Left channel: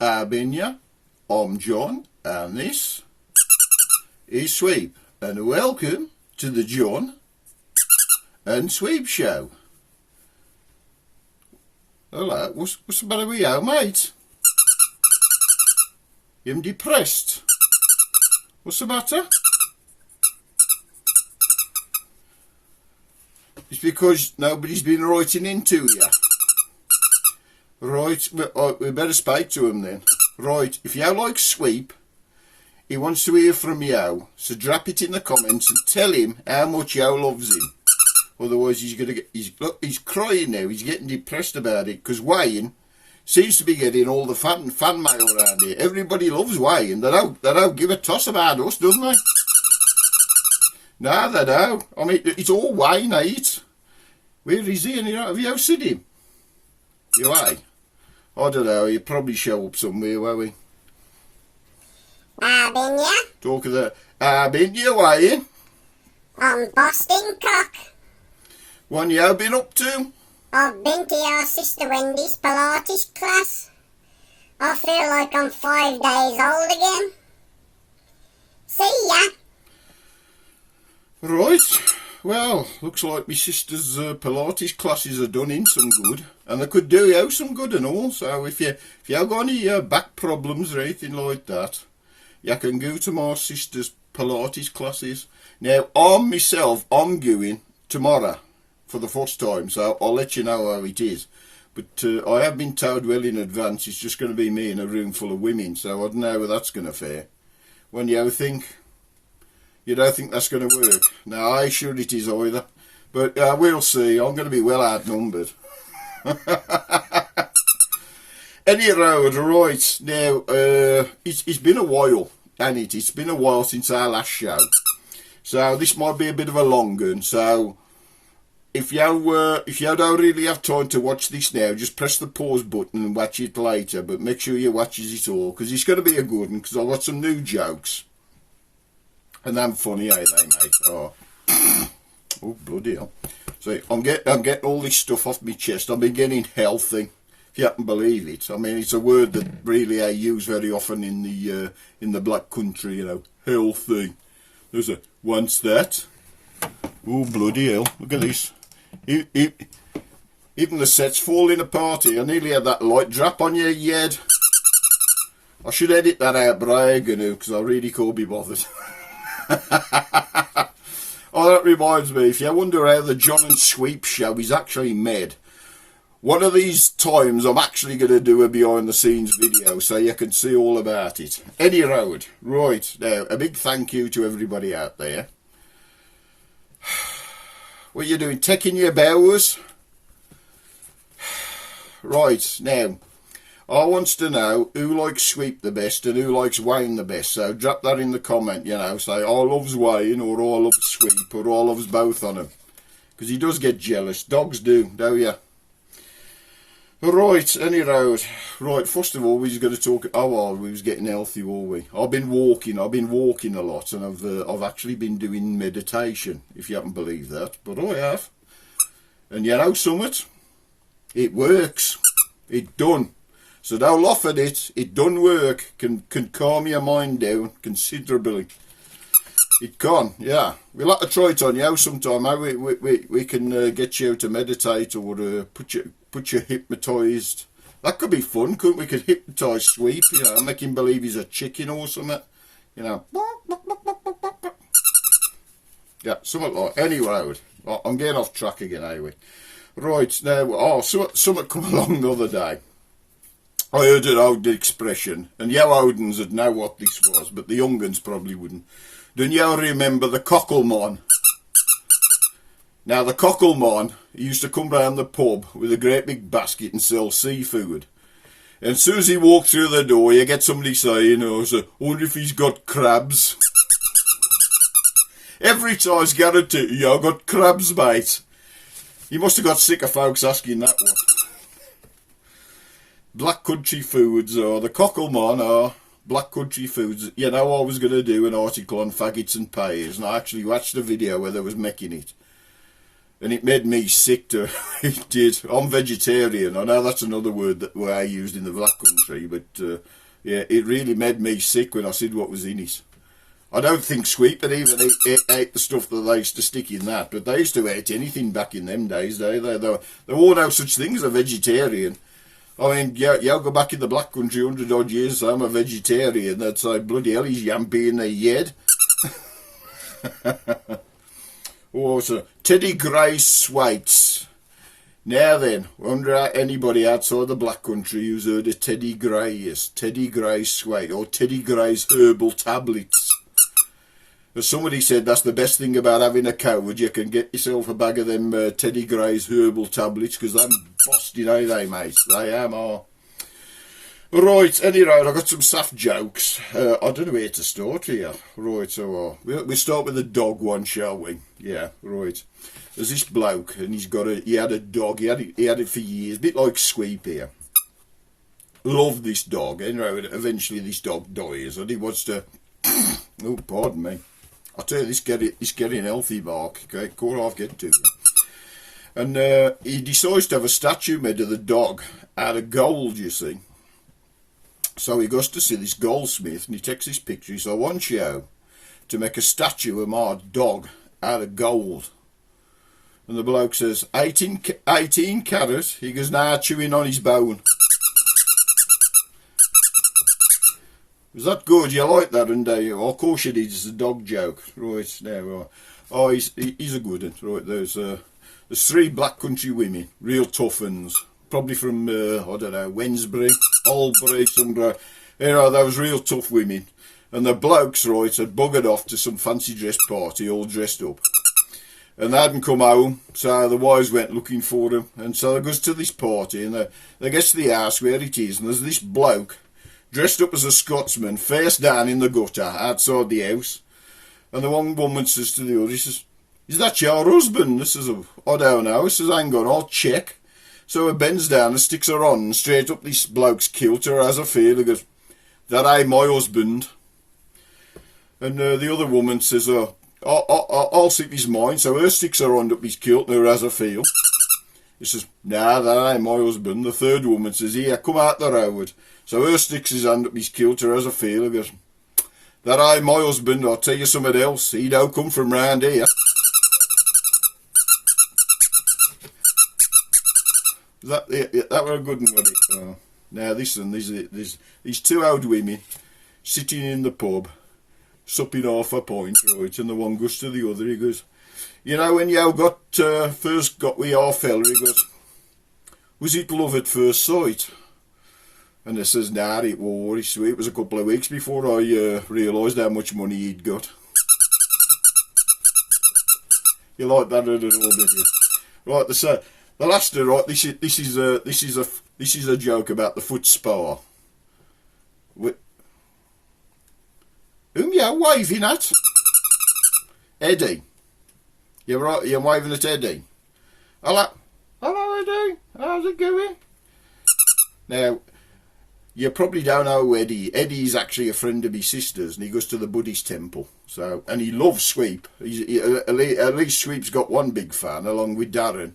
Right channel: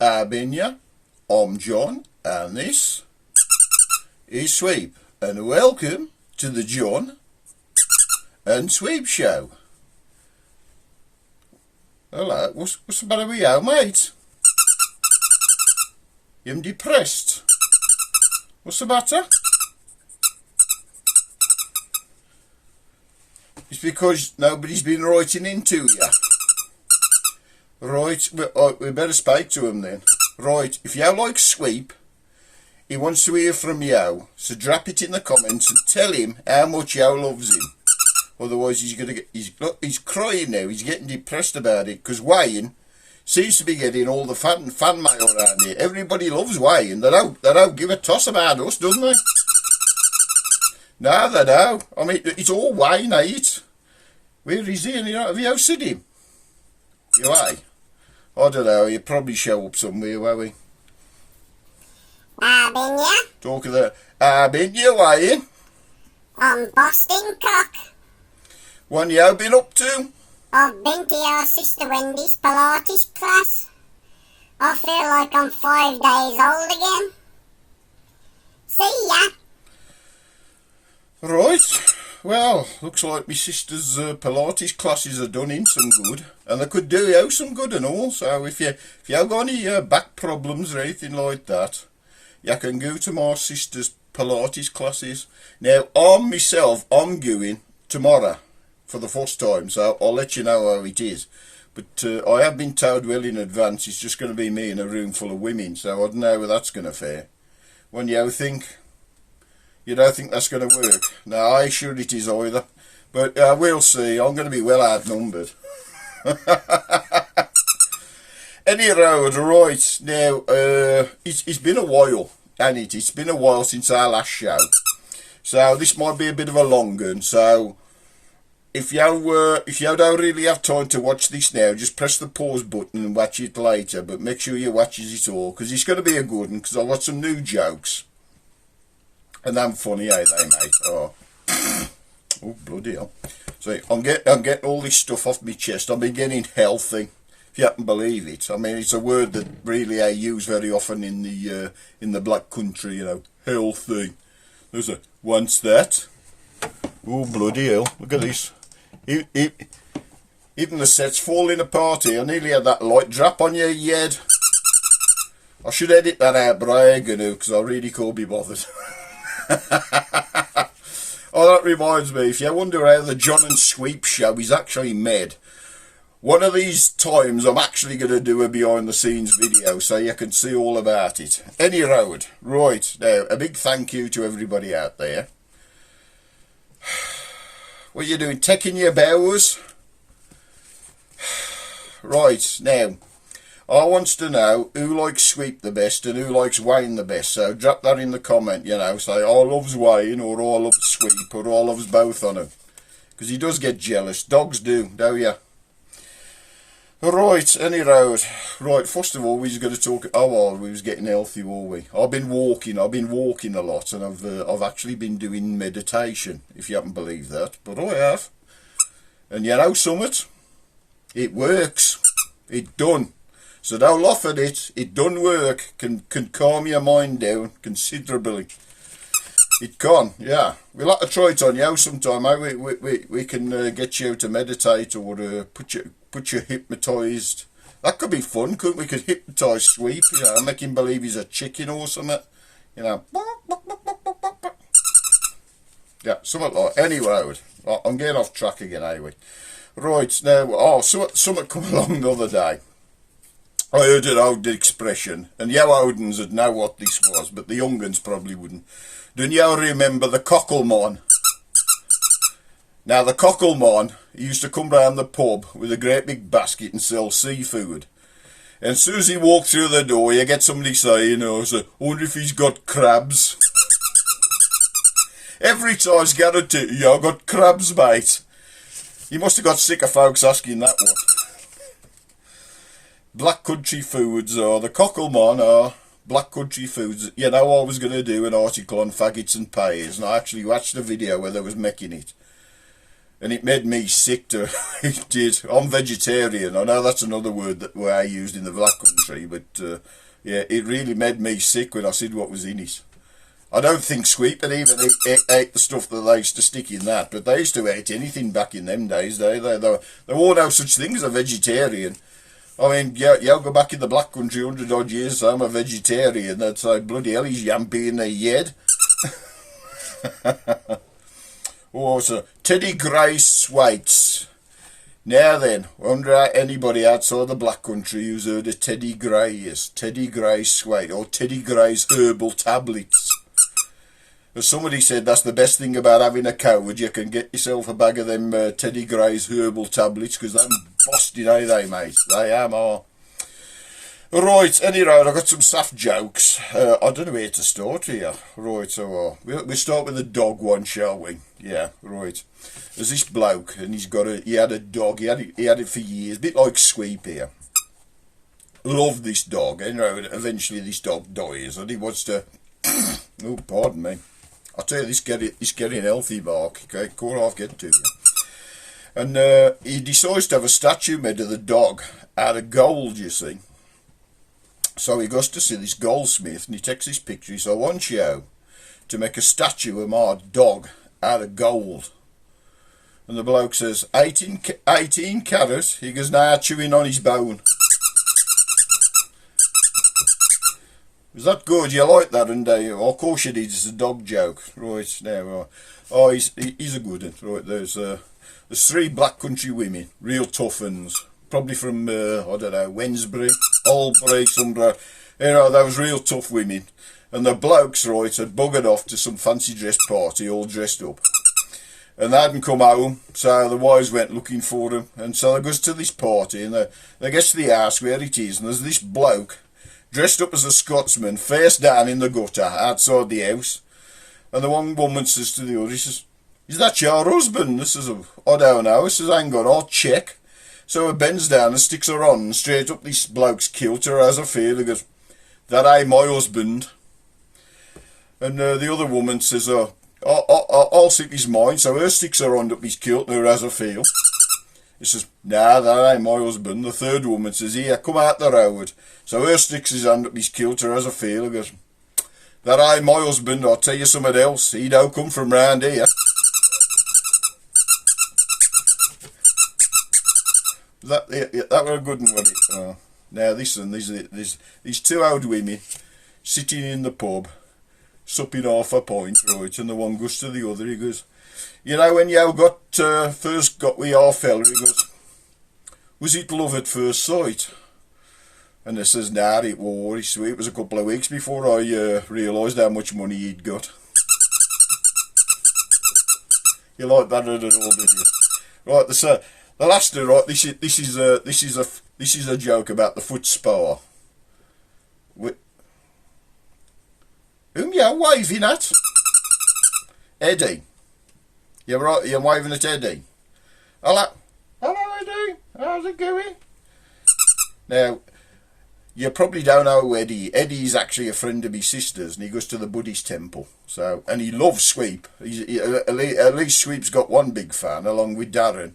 Arbinia, I'm John, and this is Sweep, and welcome to the John and Sweep Show. Hello, what's the matter with you, mate? You're depressed. What's the matter? It's because nobody's been writing into you. Right, we better speak to him then. Right, if you like Sweep, he wants to hear from you, so drop it in the comments and tell him how much you loves him. Otherwise he's gonna get, he's crying now, he's getting depressed about it, because Wayne seems to be getting all the fan mail around here. Everybody loves Wayne, they don't give a toss about us, don't they? No, they don't. I mean, it's all Wayne, ain't it? Where is he? Have you seen him? You ain't? I don't know, he'll probably show up somewhere, won't he? Been ya? Talk of that. Been you, Wayne? I'm Boston Cock. What you been up to? I've been to your sister Wendy's Pilates class. I feel like I'm 5 days old again. See ya. Right. Well, looks like my sister's Pilates classes are done him some good, and they could do you some good and all. So if you have got any back problems or anything like that, you can go to my sister's Pilates classes. Now, I'm going tomorrow for the first time, so I'll let you know how it is. But I have been told well in advance it's just going to be me in a room full of women, so I don't know how that's going to fare. When you think? You don't think that's going to work? No, I ain't sure it is either. But we'll see. I'm going to be well outnumbered. Any road, right. Now, it's been a while, hasn't it? It's been a while since our last show. So this might be a bit of a long one. So if you don't really have time to watch this now, just press the pause button and watch it later. But make sure you watches it all, because it's going to be a good one, because I've got some new jokes. And I'm funny, ain't they, mate? Oh, oh, bloody hell. So I'm getting all this stuff off my chest. I'm getting healthy, if you happen to believe it. I mean, it's a word that really I use very often in the black country, you know, healthy. There's a, once that. Oh, bloody hell. Look at this. Even the set's falling apart here. I nearly had that light drop on your head. I should edit that out, but I ain't going to, because I really can't be bothered. Oh, that reminds me, if you wonder how the John and Sweep show is actually made, one of these times I'm actually going to do a behind the scenes video so you can see all about it. Any road. Right, now, a big thank you to everybody out there. What are you doing, taking your bows? Right, now, I wants to know who likes Sweep the best and who likes Wayne the best. So drop that in the comment, you know. Say, I loves Wayne, or I loves Sweep, or I loves both on him. Because he does get jealous. Dogs do, don't you? Right, any road. Right, first of all, we was going to talk... Oh, well, we was getting healthy, were we? I've been walking a lot, and I've actually been doing meditation, if you haven't believed that. But I have. And you know, Summit, it works. It done. So don't laugh at it. It don't work. Can calm your mind down considerably. It can, yeah. We'll have to try it on you sometime. We can get you to meditate, or put you hypnotised. That could be fun, couldn't we? Could hypnotise Sweep, you know, make him believe he's a chicken or something. You know. Yeah, something like any road. I'm getting off track again, anyway. Right, now, something come along the other day. I heard an old expression, and you Odins would know what this was, but the young uns probably wouldn't. Don't you remember the cocklemon? Now, the cocklemon, he used to come round the pub with a great big basket and sell seafood. And as soon as he walked through the door, you get somebody saying, I wonder if he's got crabs. Every time I guarantee you, I got crabs, mate. You must have got sick of folks asking that one. Black country foods, or the cocklemon are black country foods. You know, I was going to do an article on faggots and pears, and I actually watched the video where they was making it. And it made me sick to, it did. I'm vegetarian. I know that's another word that I used in the Black Country, but yeah, it really made me sick when I said what was in it. I don't think Sweep had even ate the stuff that they used to stick in that, but they used to eat anything back in them days. There were no such thing as a vegetarian. I mean, yeah, go back in the Black Country 100 odd years, so I'm a vegetarian. That's like, bloody hell, he's yampy in the head. Oh, so Teddy Gray Sweets. Now then, wonder how anybody outside the Black Country who's heard of Teddy Gray is. Teddy Gray Sweet, or Teddy Gray's herbal tablets. As somebody said, that's the best thing about having a coward. You can get yourself a bag of them Teddy Gray's herbal tablets, because they're busted, eh, they, mate? They am, are. Right, anyway, I've got some soft jokes. I don't know where to start here. Right, so we'll start with the dog one, shall we? Yeah, right. There's this bloke, and he had a dog. He had it for years, a bit like Sweep here. Loved this dog, and eventually this dog dies, and he wants to. Oh, pardon me. I tell you, this getting healthy, Mark. Okay, call off, get to you. And he decides to have a statue made of the dog out of gold, you see. So he goes to see this goldsmith, and he takes this picture. He says, I want you to make a statue of my dog out of gold. And the bloke says, 18 carat. He goes, nah, chewing on his bone. Was that good? You like that? And of course you did. It's a dog joke. Right, now. Oh, he's a good one. Right, there's 3 Black Country women, real tough uns. Probably from, I don't know, Wednesbury, Albury, somewhere. They was real tough women. And the blokes, right, had buggered off to some fancy dress party, all dressed up. And they hadn't come home, so the wives went looking for them. And so they goes to this party, and they get to the house where it is, and there's this bloke, dressed up as a Scotsman, face down in the gutter, outside the house. And the one woman says to the other, he says, is that your husband? This is I don't know. He says, hang on, I'll check. So he bends down and sticks her on, and straight up this bloke's kilter as I feel. He goes, that ain't my husband. And the other woman says, I'll sip his mind. So her sticks her on up his kilt, and as I feel. He says, nah, that ain't my husband. The third woman says, here, come out the road. So her sticks his hand up his kilter, as I feel. He goes, that ain't my husband. I'll tell you something else. He don't come from round here. That were a good one. Now listen, these 2 old women sitting in the pub, supping half a pint, right, and the one goes to the other, he goes, you know, when you first got with our fella, he goes, was it love at first sight? And they says, nah, it was. It was a couple of weeks before I realised how much money he'd got. You like that at all, did you? Right, the last, right, this is a joke about the foot spa. Whom you waving at? Eddie. You're waving at Eddie. Hello, Eddie. How's it going? Now, you probably don't know Eddie. Eddie's actually a friend of my sister's, and he goes to the Buddhist temple. So, and he loves Sweep. At least Sweep's got one big fan, along with Darren.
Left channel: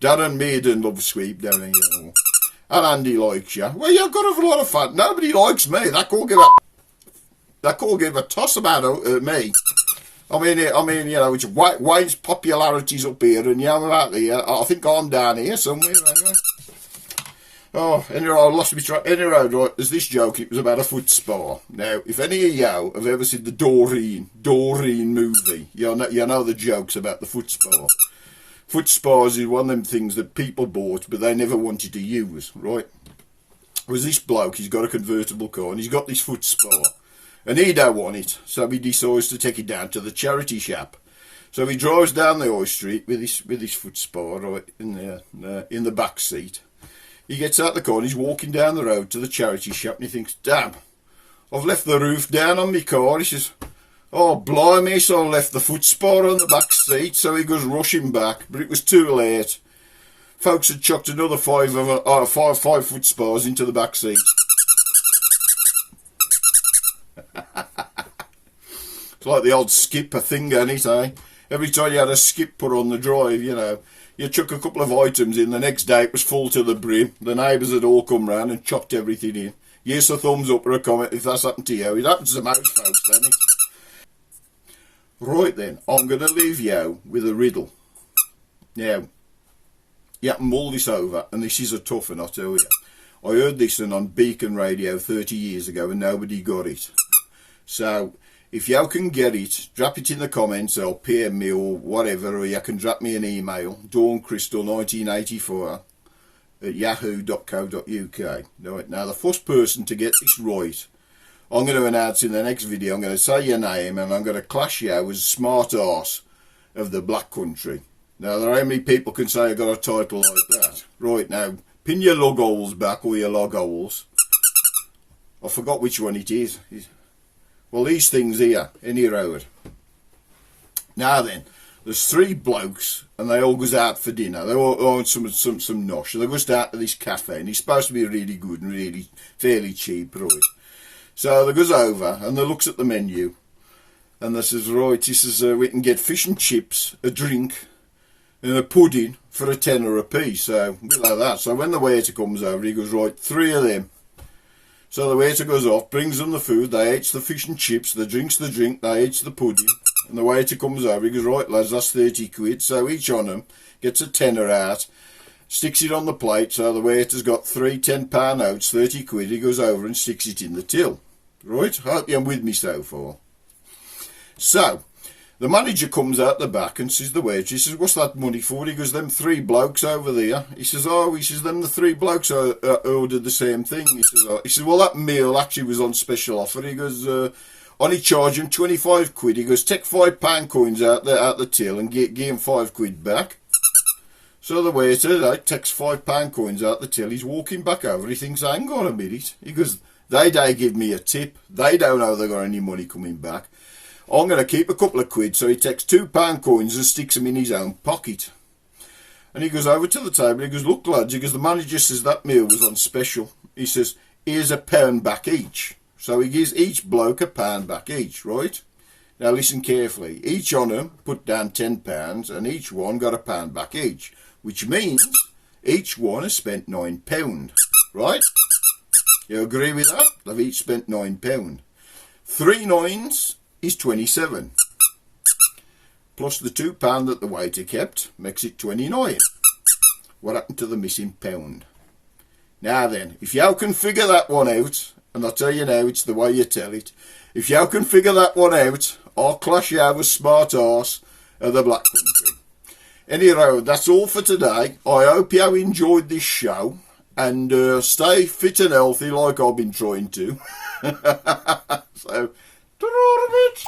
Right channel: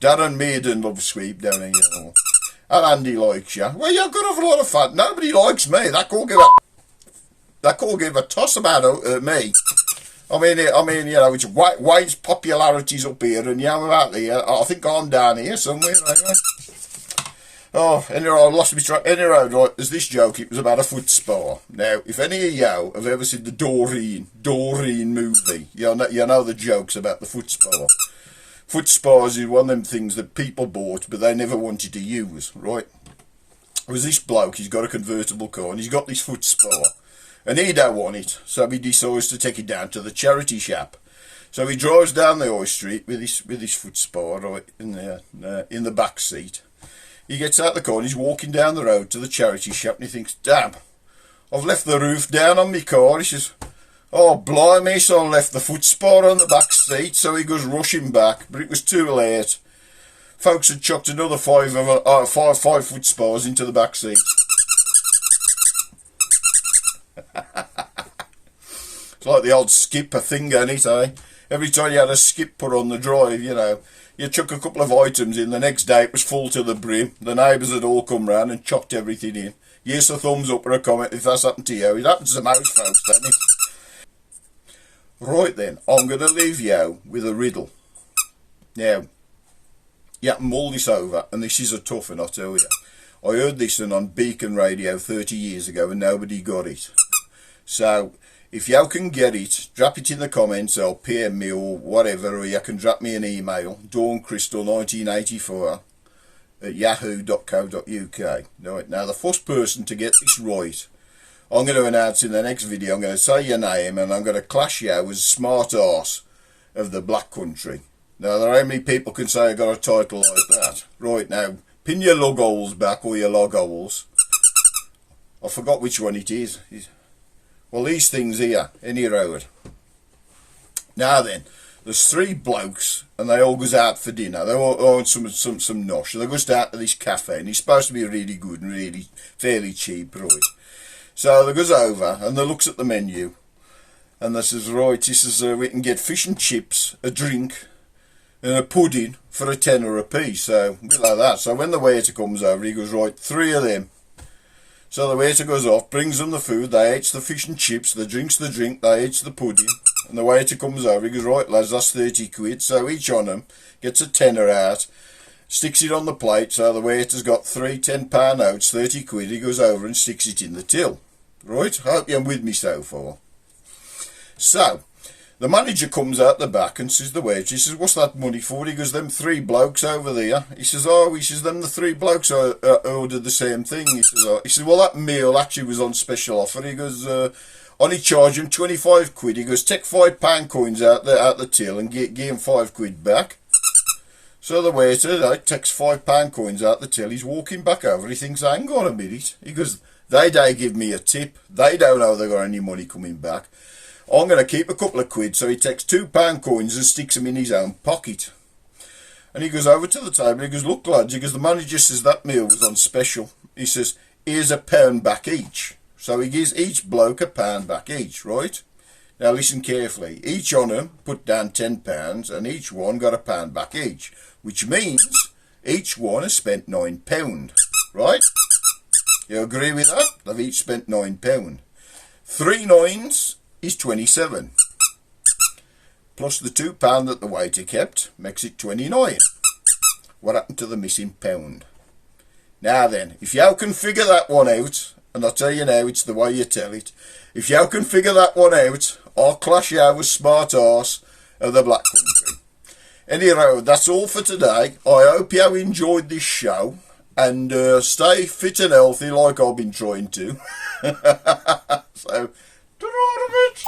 Darren Maiden loves Sweep down here. And Andy likes you. Well, you've got a lot of fun. Nobody likes me. They can't give a toss about me. I mean, you know, it's Wayne's popularity's up here, and you're out there. I think I'm down here somewhere, anyway. Oh, anyway, I lost my track. Anyway, right, there's this joke. It was about a foot spa. Now, if any of you have ever seen the Doreen movie, you know the jokes about the foot spa. Foot spas is one of them things that people bought, but they never wanted to use, right? Was this bloke, he's got a convertible car, and he's got this foot spa, and he don't want it, so he decides to take it down to the charity shop. So he drives down the high street with his foot spa, right, in the back seat. He gets out the car and he's walking down the road to the charity shop, and he thinks, damn, I've left the roof down on my car. He says, oh, blimey, so I left the foot spa on the back seat. So he goes rushing back, but it was too late. Folks had chucked another five foot spas into the back seat. It's like the old skipper thing, ain't it, eh? Every time you had a skip put on the drive, you know, you chuck a couple of items in, the next day it was full to the brim. The neighbours had all come round and chopped everything in. Yes, a thumbs up or a comment if that's happened to you. It happens to most folks, doesn't it? Right then, I'm going to leave you with a riddle. Now, you can mull this over, and this is a tough one, I tell you. I heard this one on Beacon Radio 30 years ago and nobody got it. So, if you can get it, drop it in the comments or PM me or whatever, or you can drop me an email, dawncrisstal1984 @yahoo.co.uk. Right, now the first person to get this right, I'm going to announce in the next video, I'm going to say your name and I'm going to class you as smart arse of the Black Country. Now, there are how many people can say I got a title like that? Right, now, pin your log holes back, or your log holes. I forgot which one it is. Well, these things here, any road. Now then, there's three blokes, and they all goes out for dinner. They all own some nosh. They goes out to this cafe, and it's supposed to be really good and really fairly cheap, right? So they goes over, and they looks at the menu, and they says, right, he says, we can get fish and chips, a drink, and a pudding for a tenner a piece. So, a bit like that. So when the waiter comes over, he goes, right, 3 of them. So the waiter goes off, brings them the food, they eats the fish and chips, they drinks the drink, they eats the pudding. And the waiter comes over, he goes, right lads, that's 30 quid. So each on them gets a tenner out, sticks it on the plate. So the waiter's got 3 £10 notes, 30 quid. He goes over and sticks it in the till. Right, hope you're with me so far. So, the manager comes out the back and says, the waiter, he says, what's that money for? He goes, them 3 blokes over there. He says, oh, he says, them the 3 blokes ordered the same thing. He says, oh. He says, well, that meal actually was on special offer. He goes, only charge him 25 quid. He goes, take £5 coins out the till and give him 5 quid back. So the waiter takes £5 coins out the till. He's walking back over. He thinks, hang on a minute. He goes, they give me a tip. They don't know they got any money coming back. I'm going to keep a couple of quid. So he takes £2 coins and sticks them in his own pocket. And he goes over to the table. He goes, look, lads. He goes, the manager says that meal was on special. He says, here's £1 back each. So he gives each bloke £1 back each, right? Now listen carefully. Each on them put down £10 and each one got £1 back each. Which means each one has spent £9, right? You agree with that? They've each spent £9. 3 9s is 27. Plus the £2 that the waiter kept makes it 29. What happened to the missing £1? Now then, if you can figure that one out, and I'll tell you now, it's the way you tell it. If you can figure that one out, I'll clash you with smart arse of the Black Country. Anyhow, that's all for today. I hope you enjoyed this show. And stay fit and healthy like I've been trying to. So, ta-ra, bitch.